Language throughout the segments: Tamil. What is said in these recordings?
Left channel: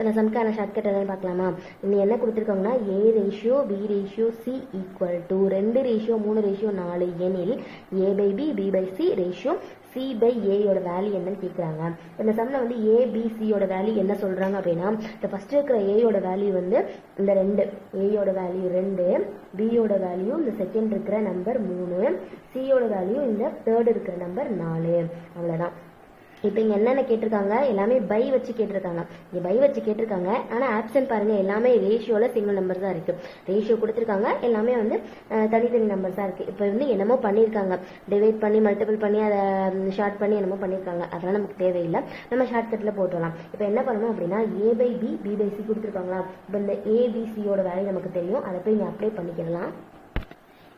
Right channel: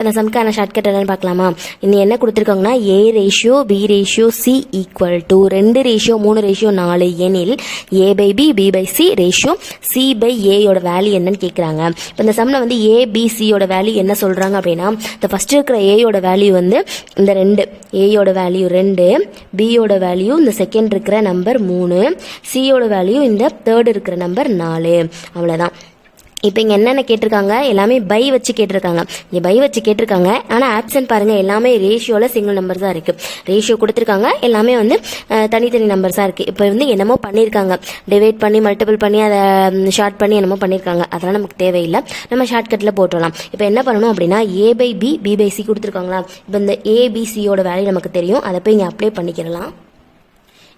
அந்த சம்க்கான ஷார்ட்கட் என்னன்னு பார்க்கலாமா? இன்னும் என்ன கொடுத்துருக்காங்கன்னா A ratio B ratio C equal to 2 ratio 3 ratio 4 எனில் A by B B by C ratio C by ஏயோட வேல்யூ என்னன்னு கேட்குறாங்க. இப்போ இந்த சம்மில் வந்து A B Cயோட வேல்யூ என்ன சொல்கிறாங்க அப்படின்னா, இந்த ஃபஸ்ட்டு இருக்கிற ஏயோட வேல்யூ வந்து இந்த 2, ஏயோட வேல்யூ 2, பியோட வேல்யூ இந்த செகண்ட் இருக்கிற நம்பர் 3, சியோட வேல்யூ இந்த தேர்ட் இருக்கிற நம்பர் 4. அவ்வளோதான். இப்போ இங்கே என்னென்ன கேட்டிருக்காங்க, எல்லாமே பை வச்சு கேட்டிருக்காங்க. இங்கே பை வச்சு கேட்டிருக்காங்க, ஆனால் ஆப்ஷன் பாருங்கள் எல்லாமே ரேஷியோவில் சிங்கிள் நம்பர் தான் இருக்குது. ரேஷியோ கொடுத்துருக்காங்க, எல்லாமே வந்து தனித்தனி நம்பர்ஸாக இருக்குது. இப்போ வந்து என்னமோ பண்ணியிருக்காங்க, டிவைட் பண்ணி மல்டிபிள் பண்ணி அதை ஷார்ட் பண்ணி என்னமோ பண்ணியிருக்காங்க. அதெல்லாம் நமக்கு தேவையில்லை, நம்ம ஷார்ட்கட்டில் போட்டுடலாம். இப்போ என்ன பண்ணணும் அப்படின்னா, A by B B by C கொடுத்துருக்காங்களா, இப்போ இந்த ABCயோட வேல்யூ நமக்கு தெரியும், அதை போய் இங்கே அப்ளை பண்ணிக்கிறலாம்.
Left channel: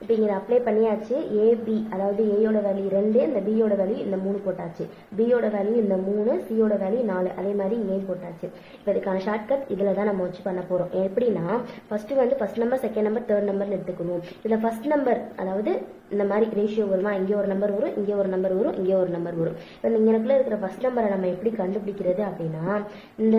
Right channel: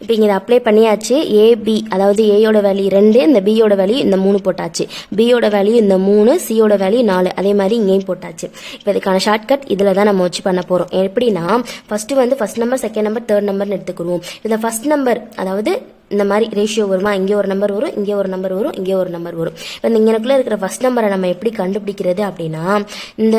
இப்போ இங்கே இதை அப்ளை பண்ணியாச்சு. ஏபி அதாவது ஏயோட வேல்யூ 2, இந்த பியோட வேல்யூ இந்த 3 போட்டாச்சு, பியோட வேல்யூ இந்த 3, சியோட வேல்யூ 4, அதே மாதிரி இங்கேயும் போட்டாச்சு. இப்போ இதுக்கான ஷார்ட்கட் இதில் தான் நம்ம வச்சு பண்ண போகிறோம். எப்படின்னா, ஃபஸ்ட்டு வந்து first number second number third நம்பர்னு எடுத்துக்குருவோம். இதில் ஃபஸ்ட் நம்பர் அதாவது இந்த மாதிரி ரேஷியோ வருமா, இங்கே ஒரு நம்பர் வரும், இங்கே ஒரு நம்பர் வரும், இங்கே ஒரு நம்பர் வரும். இப்போ இந்த இங்கனக்குள்ளே இருக்கிற ஃபஸ்ட் நம்பரை நம்ம எப்படி கண்டுபிடிக்கிறது அப்படின்னா, இந்த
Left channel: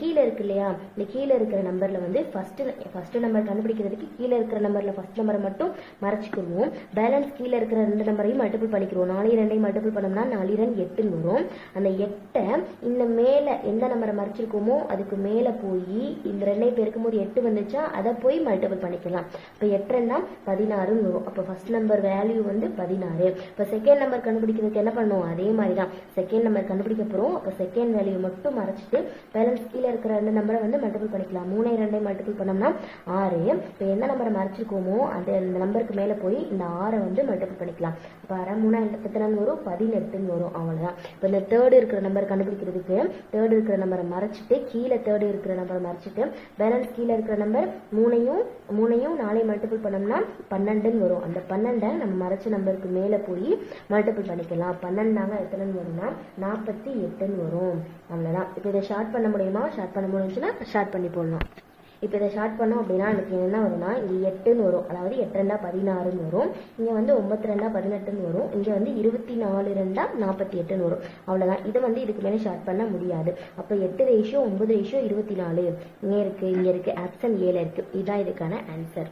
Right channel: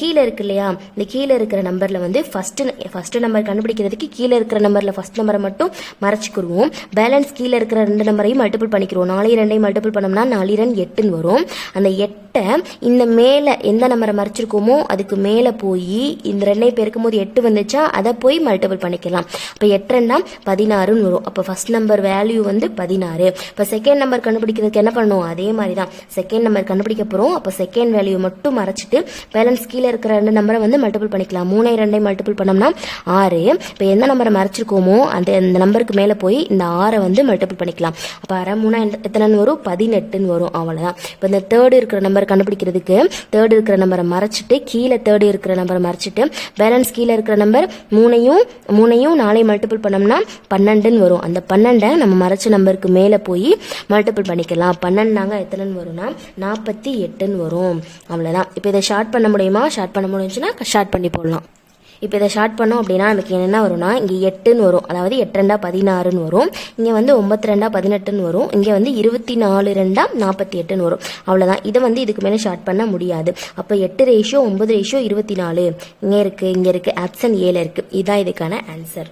கீழே இருக்கு இல்லையா, இந்த கீழே இருக்கிற நம்பரில் வந்து ஃபஸ்ட்டு நம்பர் கண்டுபிடிக்கிறதுக்கு கீழே இருக்கிற நம்பரில் ஃபஸ்ட் நம்பரை மட்டும் மறைச்சிக்கிடுவோம். பேலன்ஸ் கீழே இருக்கிற 2 நம்பரையும் மல்டிபிள் பண்ணிக்கிறோம். 4 2 மல்டிபிள் பண்ணோம்னா 4 2 8ன்னு வரும். அந்த 8 இந்த மேலே எந்த நம்பரை மறைச்சிருக்கோமோ அதுக்கு மேலே போய் இந்த 2 பெருக்கும் போது 8 வந்துச்சா, அதை போய் மல்டிபிள் பண்ணிக்கலாம். இப்போ 8 2 16ன்னு வரும். அப்போ ஃபஸ்ட் நம்பர் வேல்யூ வந்து 16. இப்போ செகண்ட் நம்பர் கண்டுபிடிக்கிறதுக்கு என்ன பண்ணணும், அதே மாதிரி தான் செகண்ட் நம்பர் கண்டுபிடிக்க போகிறோம். அப்போ செகண்ட் வேல்யூ மட்டும் மறைச்சிட்டு பேலன்ஸ் கீழே இருக்கிற 2 நம்பரை வந்து மல்டிபிள் பண்ணிக்கலாம். 3 2 மல்டிபிள் பண்ணோம்னா 6. இப்போ எந்த நம்பரை மறைச்சிருக்கோமோ அந்த நம்பருக்கு மேலே போய் இந்த 6 வந்து மல்டிபிள் பண்ணிக்கலாம். அப்போ 6 3 எத்தனைன்னு வரும், 18ன்னு வரும். அவ்வளோதான். இப்போ இந்த தேர்டு இருக்கிற நம்பர் கண்டுபிடிக்கிறதுக்கு தேர்டு இருக்கிற நம்பரை மறைச்சிட்டு கீழே தேர்டு இருக்கிற நம்பரை மறைச்சிட்டு பேலன்ஸ் கீழே இருக்கிற நம்பர் 3யும் 4 மல்டிபிள் பண்ணோம்னா 12ன்னு வரும். அந்த 12 நம்ம மறைச்ச நம்பருக்கு மேலே போய் மல்டிபிள் பண்ணிக்கலாம். 12 எத்தனைன்னு வரும்னா 48ன்னு வரும். அவ்வளோதான். இப்போ இதை ஷார்ட் பண்ண முடியுமா, ஷார்ட் பண்ண முடிஞ்சுன்னா ஷார்ட் பண்ணி போடலாம். இப்போ இதை ஷார்ட் பண்ணோம் அப்படின்னா நமக்கு என்ன வரும்னா, இங்கே 8ன்னு வரும், அதாவது 8 2 16ன்னு வரும். இங்கே வந்து 9 2 18ன்னு வரும். இங்கே வந்து 24 2 48ன்னு வரும். அவ்வளோதான். இதை வந்து இதுக்கு மேலே ஷார்ட் பண்ண முடியாது. அப்போ 8 ரேஷியோ 9 ரேஷியோ 24 இங்கே இருக்குது, இங்கே இருக்குது, ஆப்ஷன் 7 இருக்குது. இதுதான் இதுக்கான ஆன்சர்.